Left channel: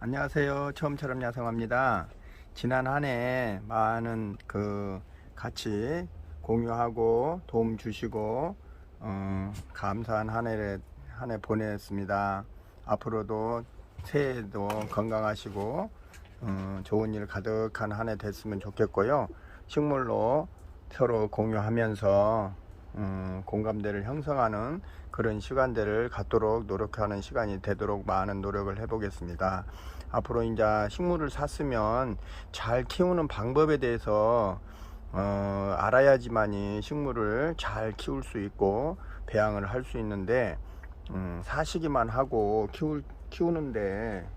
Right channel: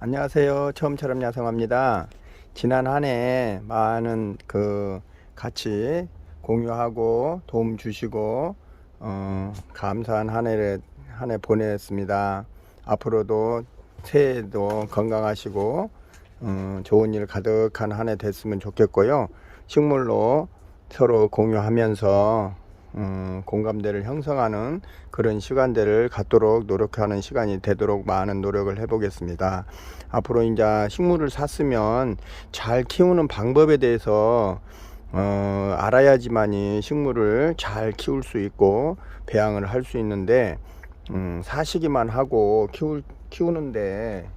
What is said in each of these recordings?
안녕하세요. 처음처럼 야성합니다. 지난 한 해 많은 그 같이 공유하고 도움 주시고 어, 감사한 한 해를 한 해 보냈습니다. 앞으로도 새해도 건강하시고 음, 좋은 일 가득한 한 해 됐으면 좋겠고요. 식물로 서로 공유하면서 음, 공감대를 형성하는 그런 시간대를 갖도록 노력하는 시간이 되도록 많은 노력을 해보겠습니다. 앞으로 이제 식물을 샀으면 잘 키우는 방법에 대해서 어, 알아야지만이 식물을 잘 키울 수 있고 배양을 할 수 있는데 음, 사시기만 하고 키울, 키우는데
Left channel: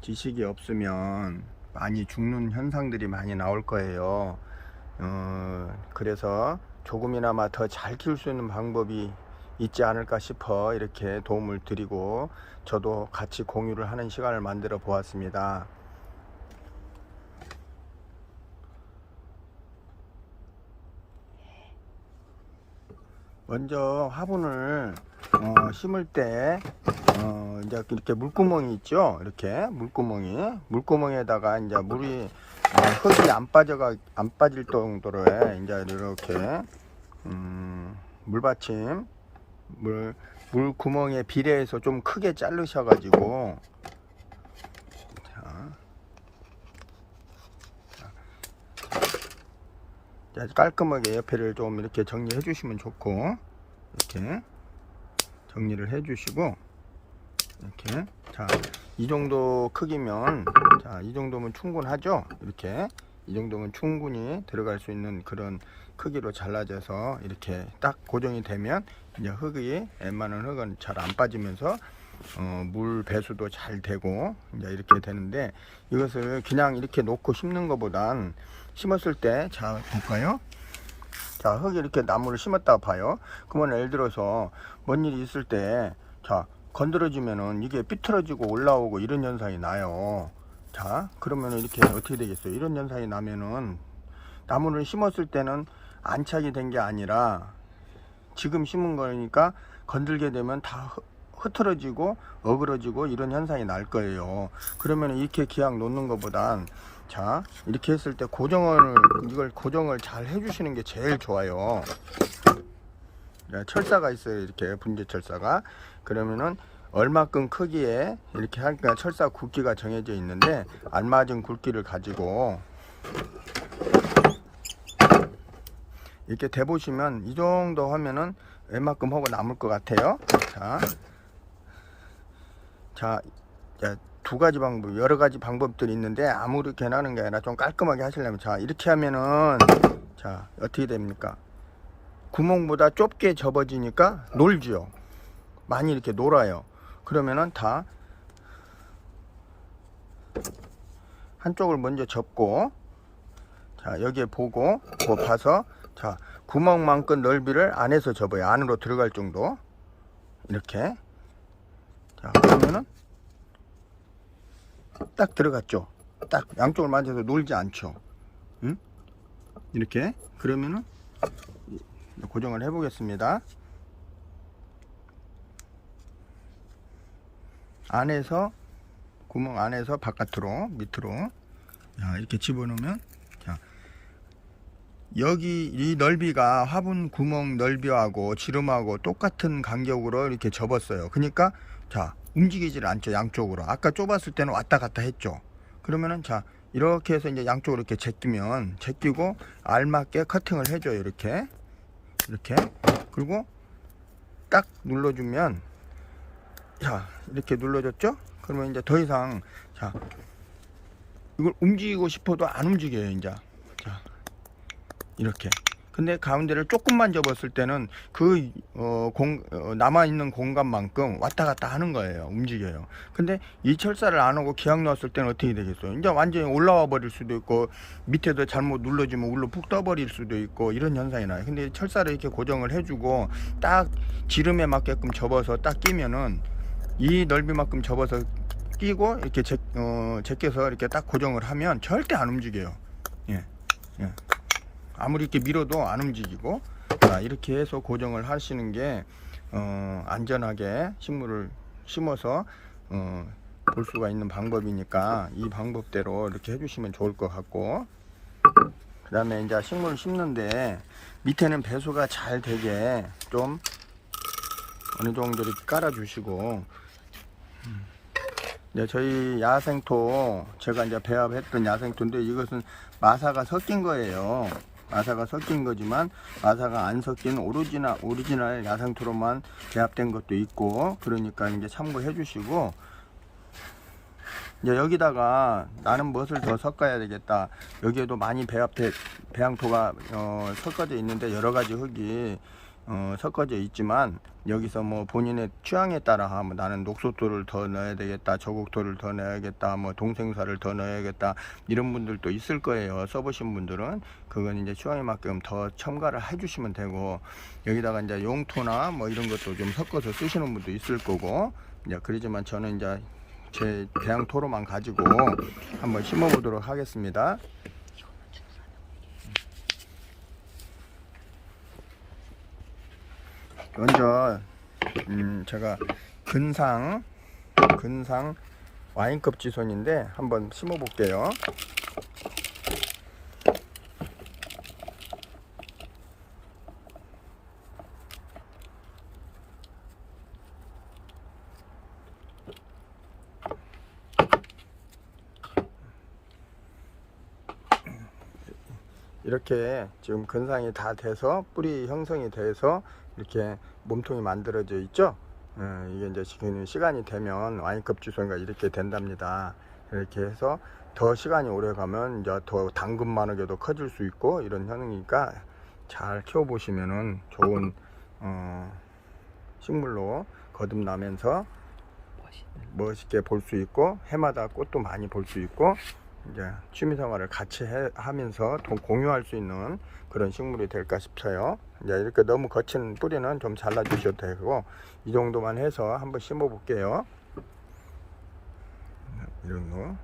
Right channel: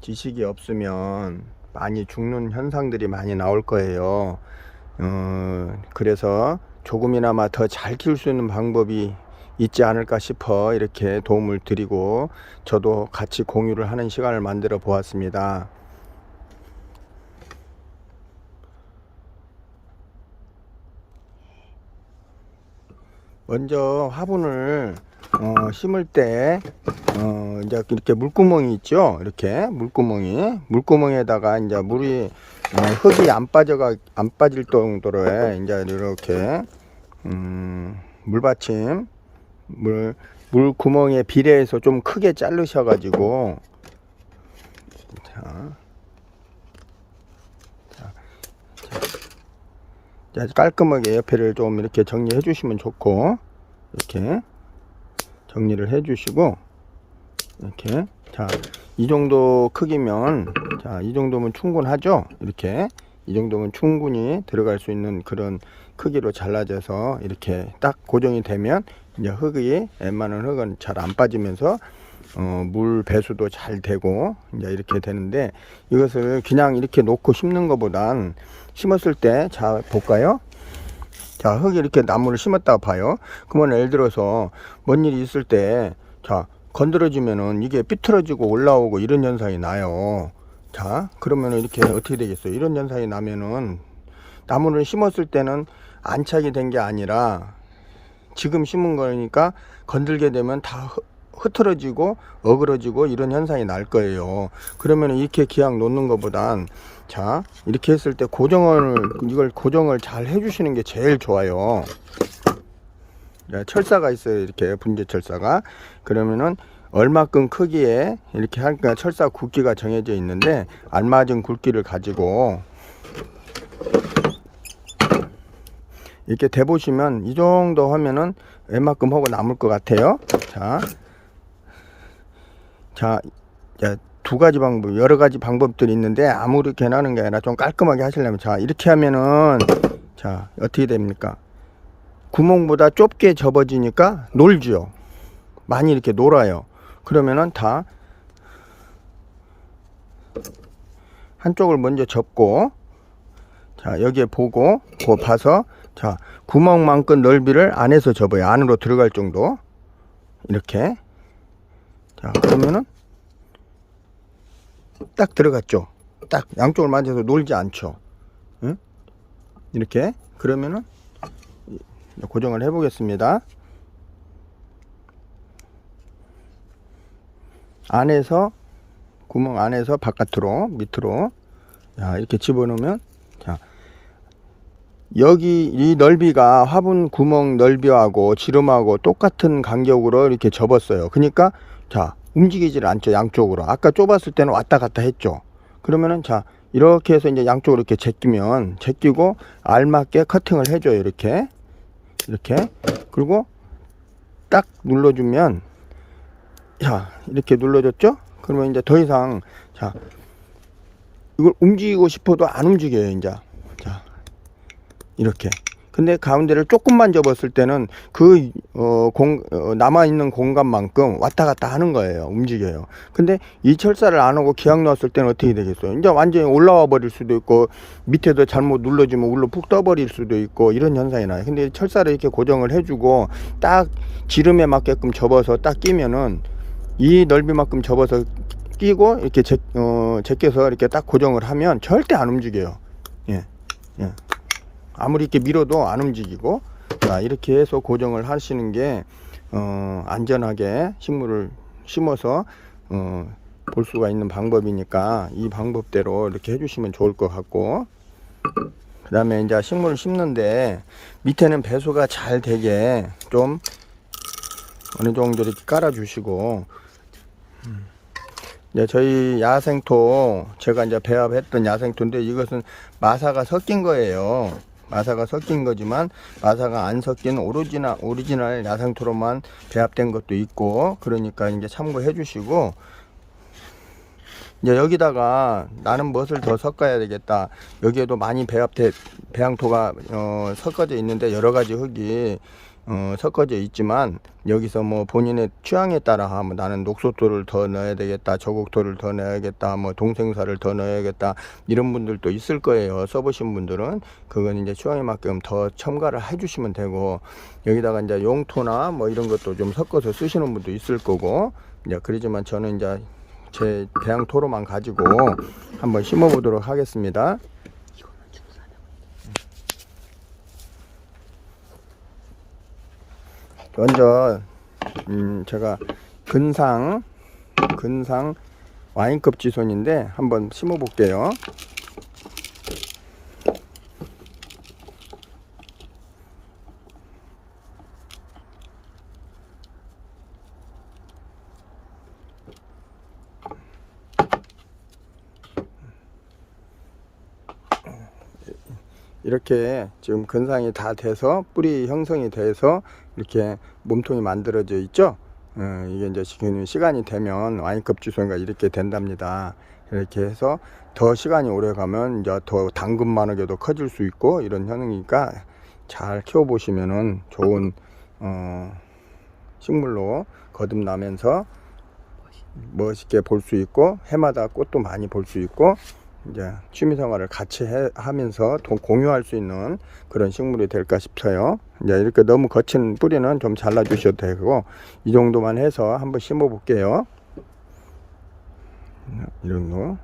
지식이 없으면 많이 죽는 현상들이 많이 나올 거예요. 어, 그래서 조금이나마 더 잘 키울 수 있는 방법이 있지 않을까 싶어 이렇게 도움을 드리고 저도 같이 공유를 하는 시간을 만들어 보았습니다. 먼저 화분을 어, 심을 때 어, 이제 이렇게 물구멍이 있죠. 이렇게 물구멍이 물구멍에다가 이제 물이 어, 흙이 안 빠져가 안 빠질 정도로 해. 이제 이렇게 음, 물받침 물 물 구멍에 비례해서 좀 크게 자르셔 가지고. 자, 자, 자, 깔끔하게 옆에를 좀 이렇게 정리해 주시면 좋고 이렇게 정리를 해 주시고 이렇게. 자 이 정도 크기면 자 이 정도면 충분하죠 이렇게 이 정도면 충분히 들어갈 수 있는 그런 크기로 잘라져서 이렇게 딱 고정이 되면 이제 흙이 웬만한 흙은 잘 안 빠지면서 어, 물 배수도 잘 되고 이제 이렇게 되는데 이것을 그냥 이렇게 놓고 심는 것보단 심었을 때 자 볼까요? 자 흙이 이렇게 나무를 심었다고 봐요. 그러면 예를 들어서 뭔 일이 있을 때자 건드려지면은 이게 삐뚤어지고 올라오고 이런 현상이 나요. 자 그러면은 이렇게 어떻게 되겠어요? 이런 현상이 나면은 나무를 심었을 때는 안착이 된 게 아니라 지금 심은 거니까 건들게 되면 다 흐- 흐트러지고 어그러지고 이런 현상이 날 거예요. 그러면 이렇게 기약 놓는 것보단 자 이렇게 했을 때 고정을 이걸 고정을 잘 해주시는 게 제일 좋아요. 네, 철사가 있어요. 이렇게 분재 철사가 그러면은 얼마큼 크기에 이렇게 하니까 철사 굵기가 정해져 있는데 알맞은 굵기를 가지고 이렇게 대보시면 이 정도 하면은 웬만큼 하고 남을 것 같아요. 자, 자, 자, 두 가지 방법, 여러 가지 방법들이 있는데 아무렇게나 하는 게 아니라 좀 깔끔하게 하시려면 자, 이렇게 하면은 자, 어떻게 됩니까? 구멍보다 좁게 접어지니까 놀죠. 많이 이렇게 놀아요. 그러면은 다 한쪽을 먼저 접고 자 여기에 보고 그 봐서 자 구멍만큼 넓이를 안에서 접어요 안으로 들어갈 정도 이렇게 자 그러면은 딱 들어갔죠 딱 양쪽을 만져서 놀지 않죠 응? 이렇게 그러면은 고정을 해 보겠습니다 안에서 구멍 안에서 바깥으로 밑으로 자, 이렇게 집어넣으면 자 여기 이 넓이가 화분 구멍 넓이하고 지름하고 똑같은 간격으로 이렇게 접었어요. 그러니까 자 움직이질 않죠 양쪽으로. 아까 좁았을 때는 왔다 갔다 했죠. 그러면은 자 이렇게 해서 이제 양쪽으로 이렇게 제끼면 제끼고 알맞게 커팅을 해줘요 이렇게 이렇게 그리고 딱 눌러주면 자 이렇게 눌러줬죠? 그러면 이제 더 이상 자 이걸 움직이고 싶어도 안 움직여요 이제 자 이렇게 근데 가운데를 조금만 접었을 때는 그 어, 공, 어, 남아있는 공간만큼 왔다 갔다 하는 거예요. 움직여요. 근데 이 철사를 안 하고 기약 넣었을 때는 어떻게 되겠어요? 이제 완전히 올라와 버릴 수도 있고 밑에도 잘못 눌러주면 울로 푹 떠버릴 수도 있고 이런 현상이 나요. 근데 철사를 이렇게 고정을 해주고 딱 지름에 맞게끔 접어서 딱 끼면은 이 넓이만큼 접어서 끼고 이렇게 제, 어, 제껴서 이렇게 딱 고정을 하면 절대 안 움직여요. 예, 예. 아무리 이렇게 밀어도 안 움직이고 자, 이렇게 해서 고정을 하시는 게 어, 안전하게 식물을 심어서 어, 볼 수가 있는 방법이니까 이 방법대로 이렇게 해주시면 좋을 것 같고 그 다음에 이제 식물을 심는데 밑에는 배수가 잘 되게 좀 어느 정도 이렇게 깔아 주시고 네, 저희 야생토 제가 이제 배합했던 야생토인데 이것은 마사가 섞인 거예요. 마사가 섞인 거지만 마사가 안 섞인 오리지널 오리지널 야생토로만 배합된 것도 있고 그러니까 이제 참고해 주시고 이제 여기다가 나는 무엇을 더 섞어야 되겠다. 여기에도 많이 배합돼 배양토가 어, 섞어져 있는데 여러 가지 흙이 어, 섞어져 있지만 여기서 뭐 본인의 취향에 따라 하면 나는 녹소토를 더 넣어야 되겠다, 저곡토를 더 넣어야겠다, 뭐 동생사를 더 넣어야겠다 이런 분들도 있을 거예요. 써보신 분들은 그건 이제 취향에 맞게끔 더 첨가를 해주시면 되고 여기다가 이제 용토나 뭐 이런 것도 좀 섞어서 쓰시는 분도 있을 거고 이제 그러지만 저는 이제 제 배양토로만 가지고 한번 심어 보도록 하겠습니다. 먼저 음 제가 근상 근상 와인급 지손인데 한번 심어 볼게요. 이렇게 지금 근상이 다 돼서 뿌리 형성이 돼서 이렇게 몸통이 만들어져 있죠. 어, 이게 이제 시간이 되면 와인급 주소가 이렇게 된답니다. 이렇게 해서 더 시간이 오래 가면 이제 더 당근만하게도 커질 수 있고 이런 현상이니까 잘 키워 보시면은 좋은 어, 식물로 거듭나면서 멋있게 볼 수 있고 해마다 꽃도 많이 볼 수 있고 이제 취미생활을 같이 해, 하면서 동- 공유할 수 있는 그런 식물이 될까 싶어요. 이제 이렇게 너무 거친 뿌리는 좀 잘라 주셔도 되고 이 정도만 해서 한번 심어 볼게요. 이런 거.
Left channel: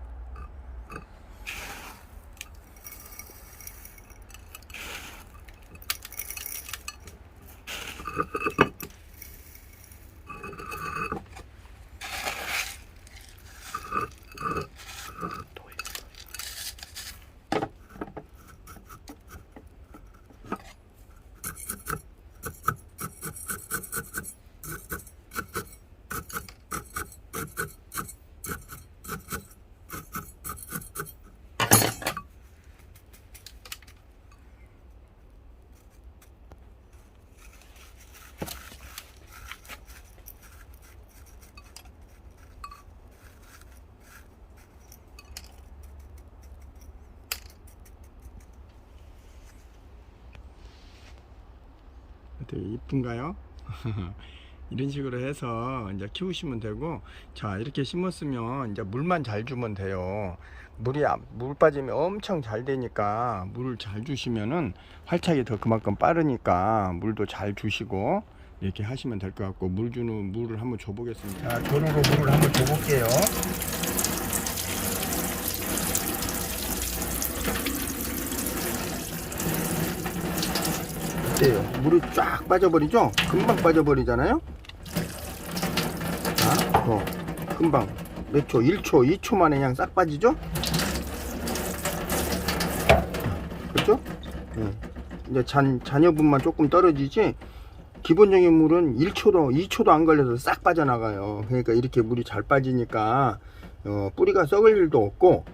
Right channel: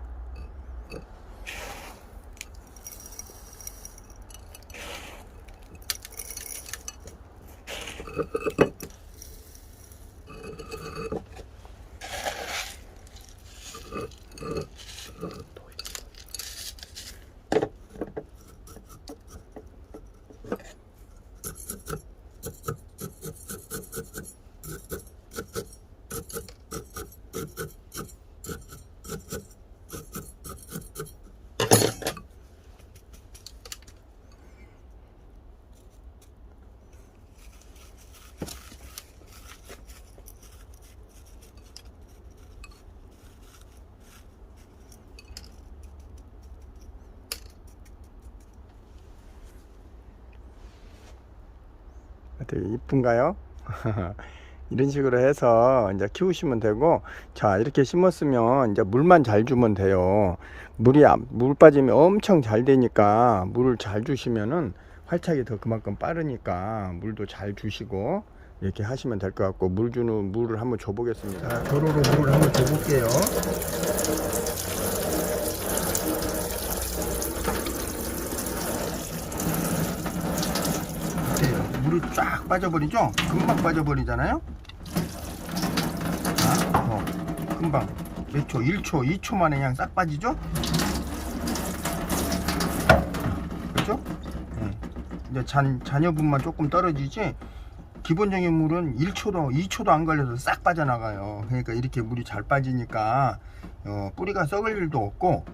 되게 이쁜가요? 이런 식으로 해서 이제 키우시면 되고 자 이렇게 심었으면 이제 물만 잘 주면 돼요. 물이 안- 물 빠짐이 엄청 잘 되니까 물을 잘 주시면은 활착이 더 그만큼 빠르니까 물도 잘 주시고 이렇게 하시면 될 것 같고 물 주는 물을 한번 줘 보겠습니다. 도로로 물을 한번 줘 볼게요 어때요? 물이 쫙 빠져버리죠? 금방 빠져버리잖아요? 어, 금방 몇 초? 1초, 2초 만에 그냥 싹 빠지죠? 그렇죠? 예. 이제 잔, 잔여분만 조금 떨어지지 기본적인 물은 1초도, 2초도 안 걸려서 싹 빠져나가요. 그러니까 이렇게 물이 잘 빠지니까 어, 뿌리가 썩을 일도 없고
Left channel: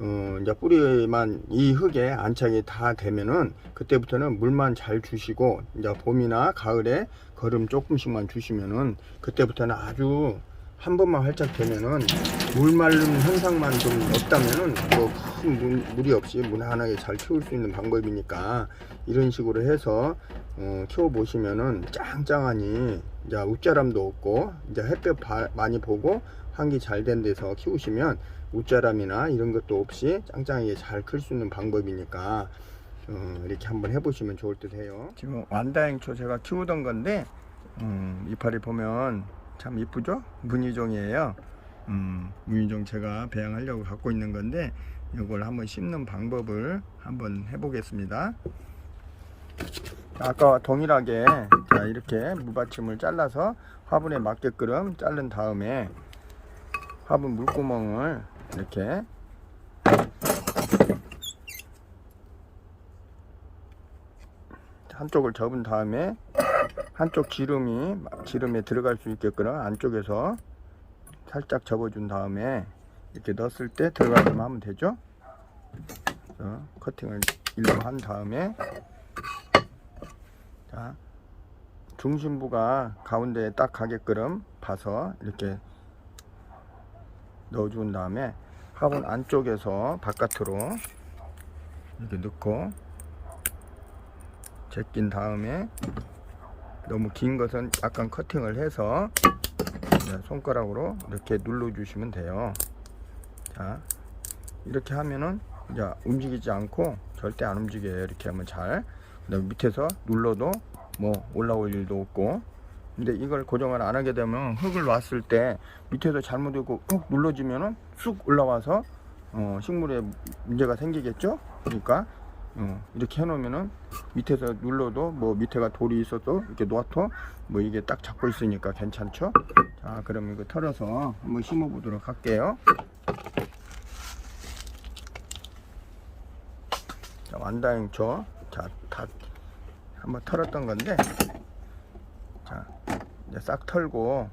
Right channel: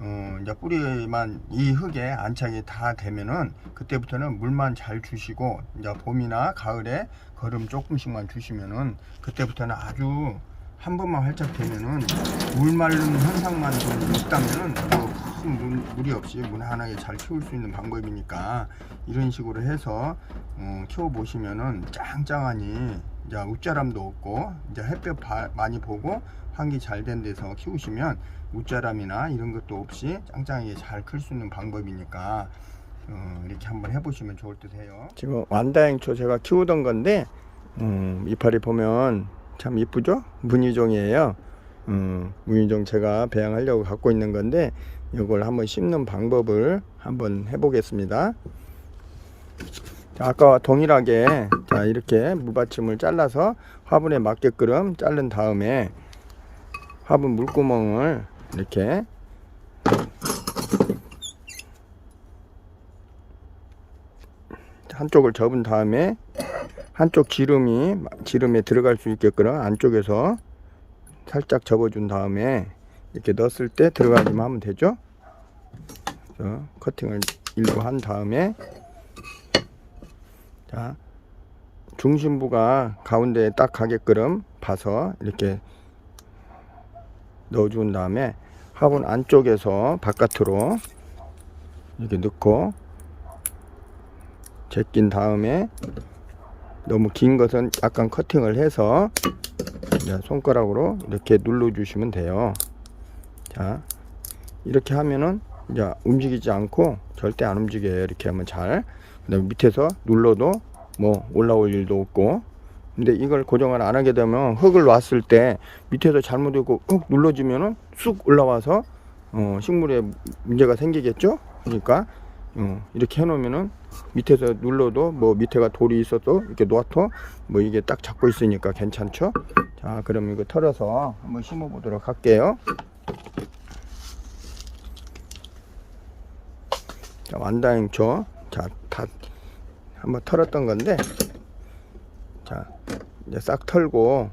어, 이제 뿌리만 이 흙에 안착이 다 되면은 그때부터는 물만 잘 주시고 이제 봄이나 가을에 거름 조금씩만 주시면은 그때부터는 아주 한 번만 활짝 되면은 물 마른 현상만 좀 없다면은 뭐큰 물- 무리 없이 무난하게 잘 키울 수 있는 방법이니까 이런 식으로 해서 어, 키워 보시면은 짱짱하니 이제 웃자람도 없고 이제 햇볕 바- 많이 보고 환기 잘 된 데서 키우시면 웃자람이나 이런 것도 없이 짱짱하게 잘 클 수 있는 방법이니까 어, 이렇게 한번 해보시면 좋을 듯 해요. 지금 완다행초 제가 키우던 건데 음, 이파리 보면 참 이쁘죠? 무늬종이에요. 어, 무늬종 제가 배양하려고 갖고 있는 건데 이걸 한번 심는 방법을 한번 해보겠습니다. 자, 아까와 동일하게 자 이렇게 무받침을 잘라서 화분에 맞게끔 자른 다음에 화분 물구멍을 이렇게 한쪽을 접은 다음에 한쪽 지름이 지름에 들어갈 수 있게끔 안쪽에서 살짝 접어준 다음에 이렇게 넣었을 때 들어가기만 하면 되죠. 커팅을 일부 한 다음에 자 중심부가 가운데에 딱 가게끔 봐서 이렇게 넣어준 다음에 화분 안쪽에서 바깥으로 이렇게 넣고 제낀 다음에 너무 긴 것은 약간 커팅을 해서 손가락으로 이렇게 눌러 주시면 돼요. 자 이렇게 하면은 이제 움직이지 않고 절대 안 움직여요. 이렇게 하면 잘 그다음에 밑에서 눌러도 뭐 올라올 일도 없고. 근데 이걸 고정을 안 하게 되면 흙을 놨을 때 밑에서 잘못되고 흙 눌러지면은 쑥 올라와서 어, 식물에 문제가 생기겠죠? 그러니까 어, 이렇게 해놓으면은 밑에서 눌러도 뭐 밑에가 돌이 있어도 이렇게 놓아도 뭐 이게 딱 잡고 있으니까 괜찮죠? 자 그럼 이거 털어서 한번 심어 보도록 할게요. 자 완다행초 자 다 한번 털었던 건데 자 이제 싹 털고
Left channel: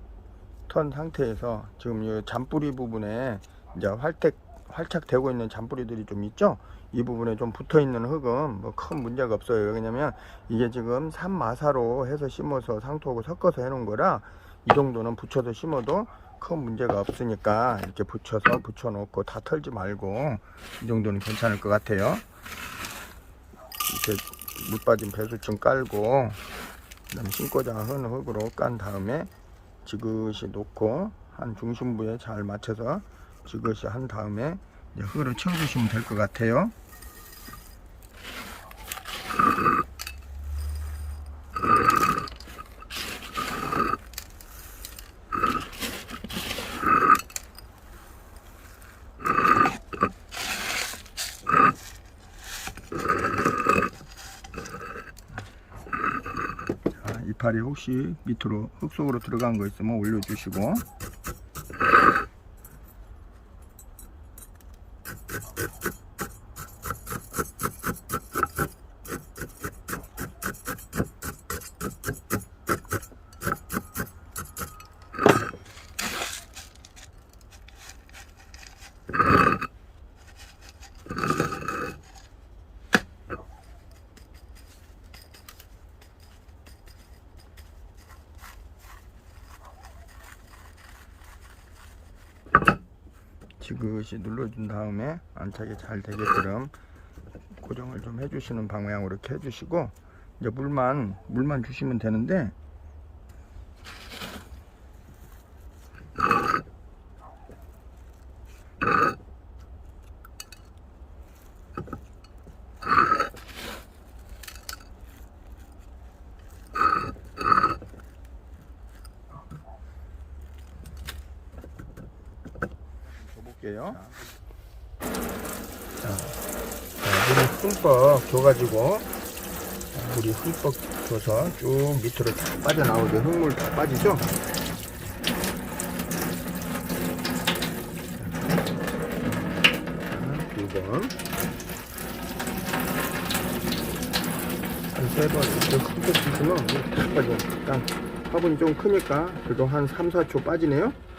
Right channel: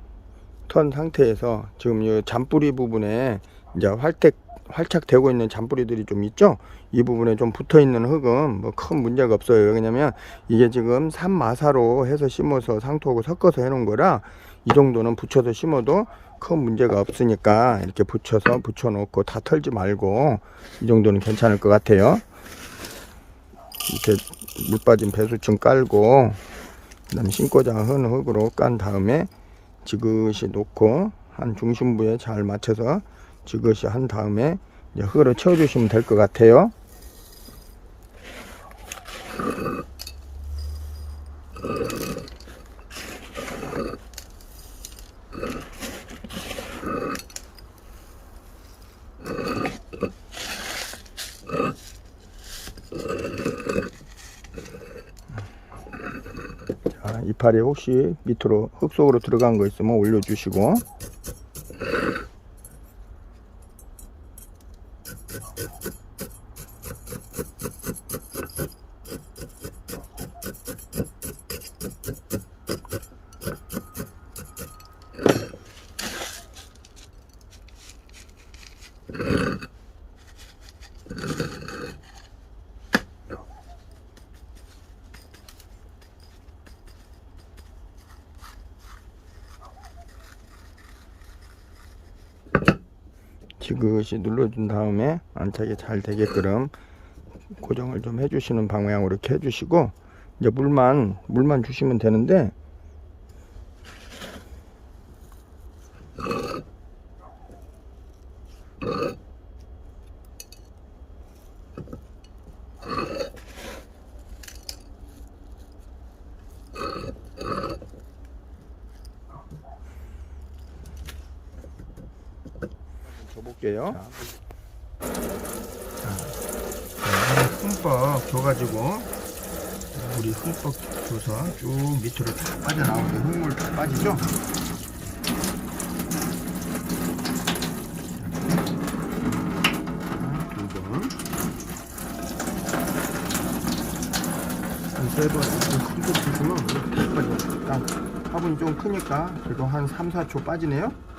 턴 상태에서 지금 이 잔뿌리 부분에 이제 활택 활착되고 있는 잔뿌리들이 좀 있죠? 이 부분에 좀 붙어 있는 흙은 뭐 큰 문제가 없어요. 왜냐면 이게 지금 산마사로 해서 심어서 상토하고 섞어서 해 놓은 거라 이 정도는 붙여서 심어도 큰 문제가 없으니까 이렇게 붙여서 붙여 놓고 다 털지 말고 이 정도는 괜찮을 것 같아요 이렇게 물 빠진 배수층 깔고 그다음 신고자 흔 흙으로 깐 다음에 지그시 놓고 한 중심부에 잘 맞춰서 지그시 한 다음에 흙으로 채워주시면 될 것 같아요. 자, 이파리 혹시 밑으로 흙 속으로 들어간 거 있으면 올려주시고 지그시 눌러준 다음에 안착이 잘 되게끔 고정을 좀 해주시는 방향으로 이렇게 해주시고 이제 물만 물만 주시면 되는데 줘볼게요. 자, 자, 물을 흠뻑 줘가지고 자, 물이 흠뻑 줘서 쭉 밑으로 다 빠져나오게 흙물 다 빠지죠? 그래도 이렇게 흠뻑 주시면 다 빠져. 아, 화분이 좀 크니까 이거 한 3, 4초 빠지네요.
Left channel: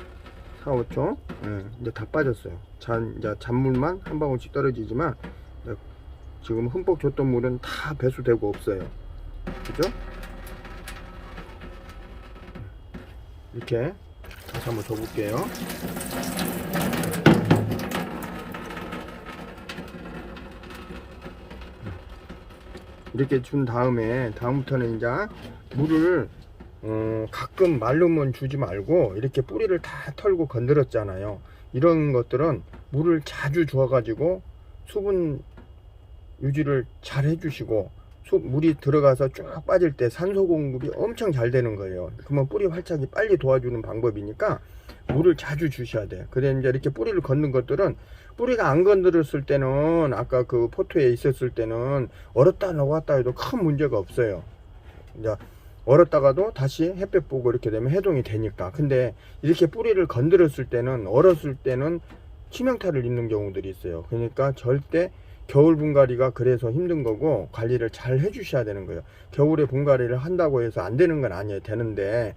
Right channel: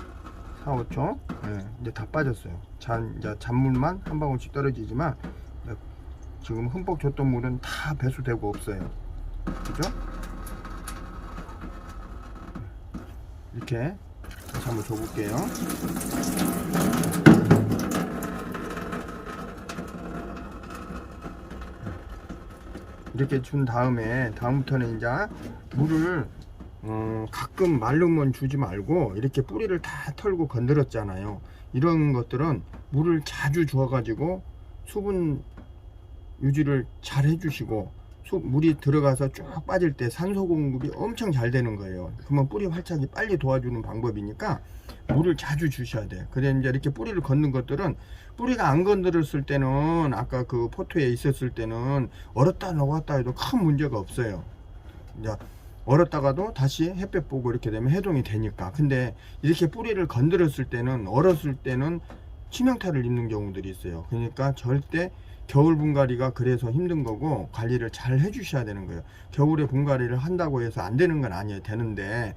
4, 5초. 예, 이제 다 빠졌어요. 잔, 이제 잔물만 한 방울씩 떨어지지만 지금 흠뻑 줬던 물은 다 배수되고 없어요. 그죠? 이렇게 다시 한번 줘볼게요. 이렇게 준 다음에 다음부터는 이제 물을 어, 가끔 말르면 주지 말고 이렇게 뿌리를 다 털고 건드렸잖아요. 이런 것들은 물을 자주 주어 가지고 수분 유지를 잘 해주시고 수, 물이 들어가서 쭉 빠질 때 산소 공급이 엄청 잘 되는 거예요. 그러면 뿌리 활착이 빨리 도와주는 방법이니까 물을 자주 주셔야 돼. 그래 이제 이렇게 뿌리를 걷는 것들은 뿌리가 안 건드렸을 때는 아까 그 포토에 있었을 때는 얼었다 녹았다 해도 큰 문제가 없어요. 이제 얼었다가도 다시 햇볕 보고 이렇게 되면 해동이 되니까. 근데 이렇게 뿌리를 건드렸을 때는 얼었을 때는 치명타를 입는 경우들이 있어요. 그러니까 절대 겨울 분갈이가 그래서 힘든 거고 관리를 잘 해주셔야 되는 거예요. 겨울에 분갈이를 한다고 해서 안 되는 건 아니에요. 되는데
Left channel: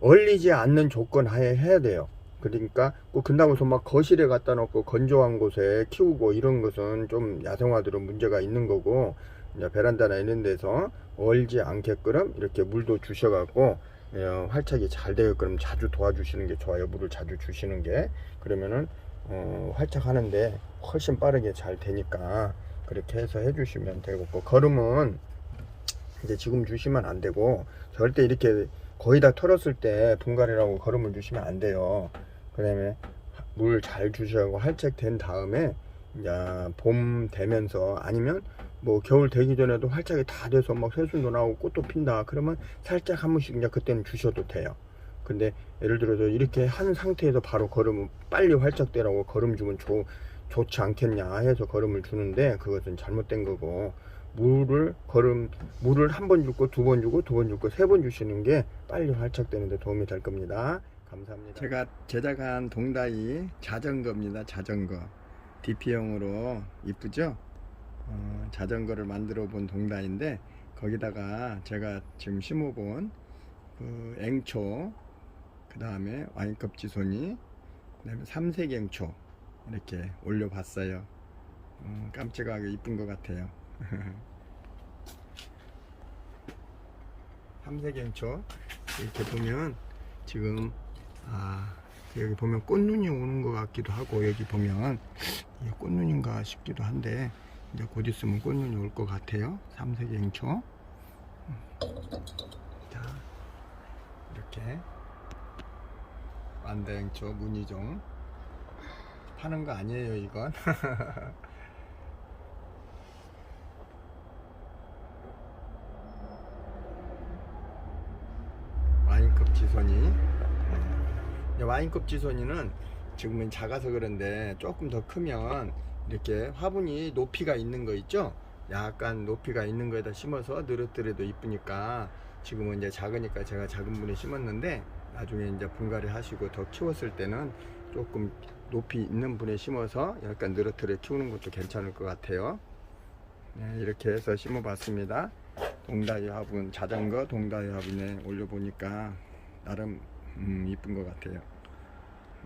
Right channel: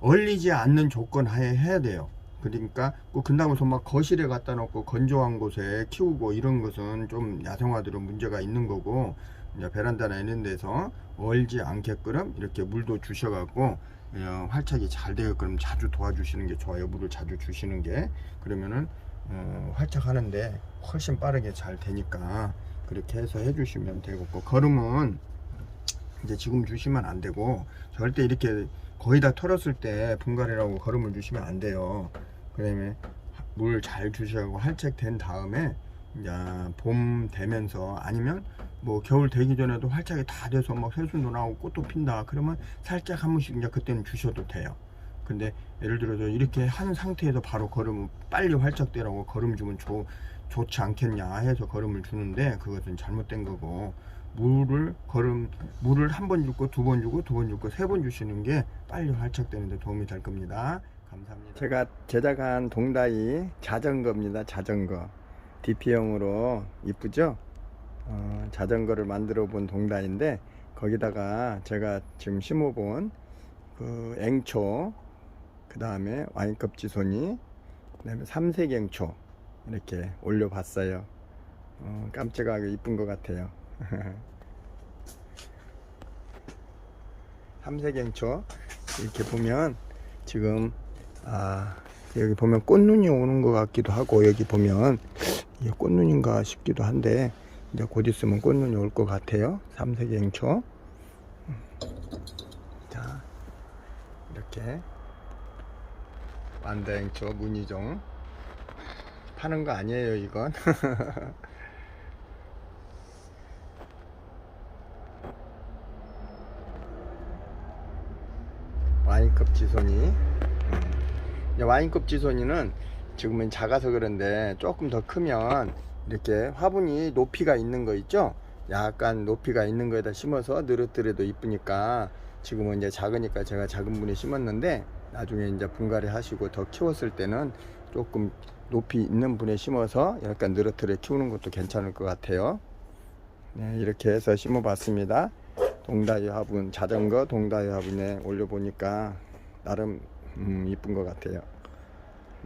얼리지 않는 조건 하에 해야 돼요. 그러니까 꼭 근다고 해서 막 거실에 갖다 놓고 건조한 곳에 키우고 이런 것은 좀 야생화들은 문제가 있는 거고 베란다나 이런 데서 얼지 않게끔 이렇게 물도 주셔갖고 어, 활착이 잘 되게끔 자주 도와주시는 게 좋아요. 물을 자주 주시는 게. 그러면은 어, 활착하는데 훨씬 빠르게 잘 되니까 그렇게 해서 해주시면 되고. 걸음은 이제 지금 주시면 안 되고 절대 이렇게 거의 다 털었을 때 분갈이라고 걸음을 주시면 안 돼요. 그 다음에 물 잘 주셔고 활착된 다음에 봄 되면서 아니면 뭐 겨울 되기 전에도 활착이 다 돼서 막 새순도 나오고 꽃도 핀다. 그러면 살짝 한 번씩 이제 그때는 주셔도 돼요. 근데 예를 들어서 이렇게 한 상태에서 바로 걸음을 빨리 활착되라고 걸음 주면 좋, 좋지 않겠냐 해서 걸음을 주는데 그것은 잘못된 거고 물을 걸음 물을 한 번 주고 두 번 주고 두 번 주고 세 번 주시는 게 빨리 활착되는데 도움이 될 겁니다. 감사합니다. 제가 제작한 동다이 자전거입니다 자전거. DP형으로. 이쁘죠 어, 자전거를 만들어 본 동다인데 거기다가 제가 지금 심어본 그 앵초 그 다음에 와인컵 지손이 그 다음에 삼색 앵초 이렇게 올려봤어요. 어, 깜찍하게 이쁜 것 같아요. 삼색 앵초 이렇게 보면 지금 아 여기 보면 꽃눈이 오는 것 같기도 하고 여기 보면 이게 꽃눈인가 싶기도 한데 이제 곧 있으면 꽃눈이 올 것 같아요. 삼색 앵초. 자 이렇게 완다 앵초 무늬종. 파는 거 아니에요 이건? 와인컵 지손이 음. 와인컵 지손이는 지금은 작아서 그런데 조금 더 크면 이렇게 화분이 높이가 있는 거 있죠? 약간 높이가 있는 거에다 심어서 느릇들에도 이쁘니까 지금은 이제 작으니까 제가 작은 분에 심었는데 나중에 이제 분갈이 하시고 더 키웠을 때는 조금 높이 있는 분에 심어서 약간 느릇들에 키우는 것도 괜찮을 것 같아요. 네, 이렇게 해서 심어 봤습니다. 동다이 화분 자전거 동다이 화분에 올려보니까 나름 음, 이쁜 것 같아요.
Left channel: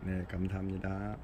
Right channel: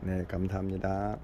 네 감사합니다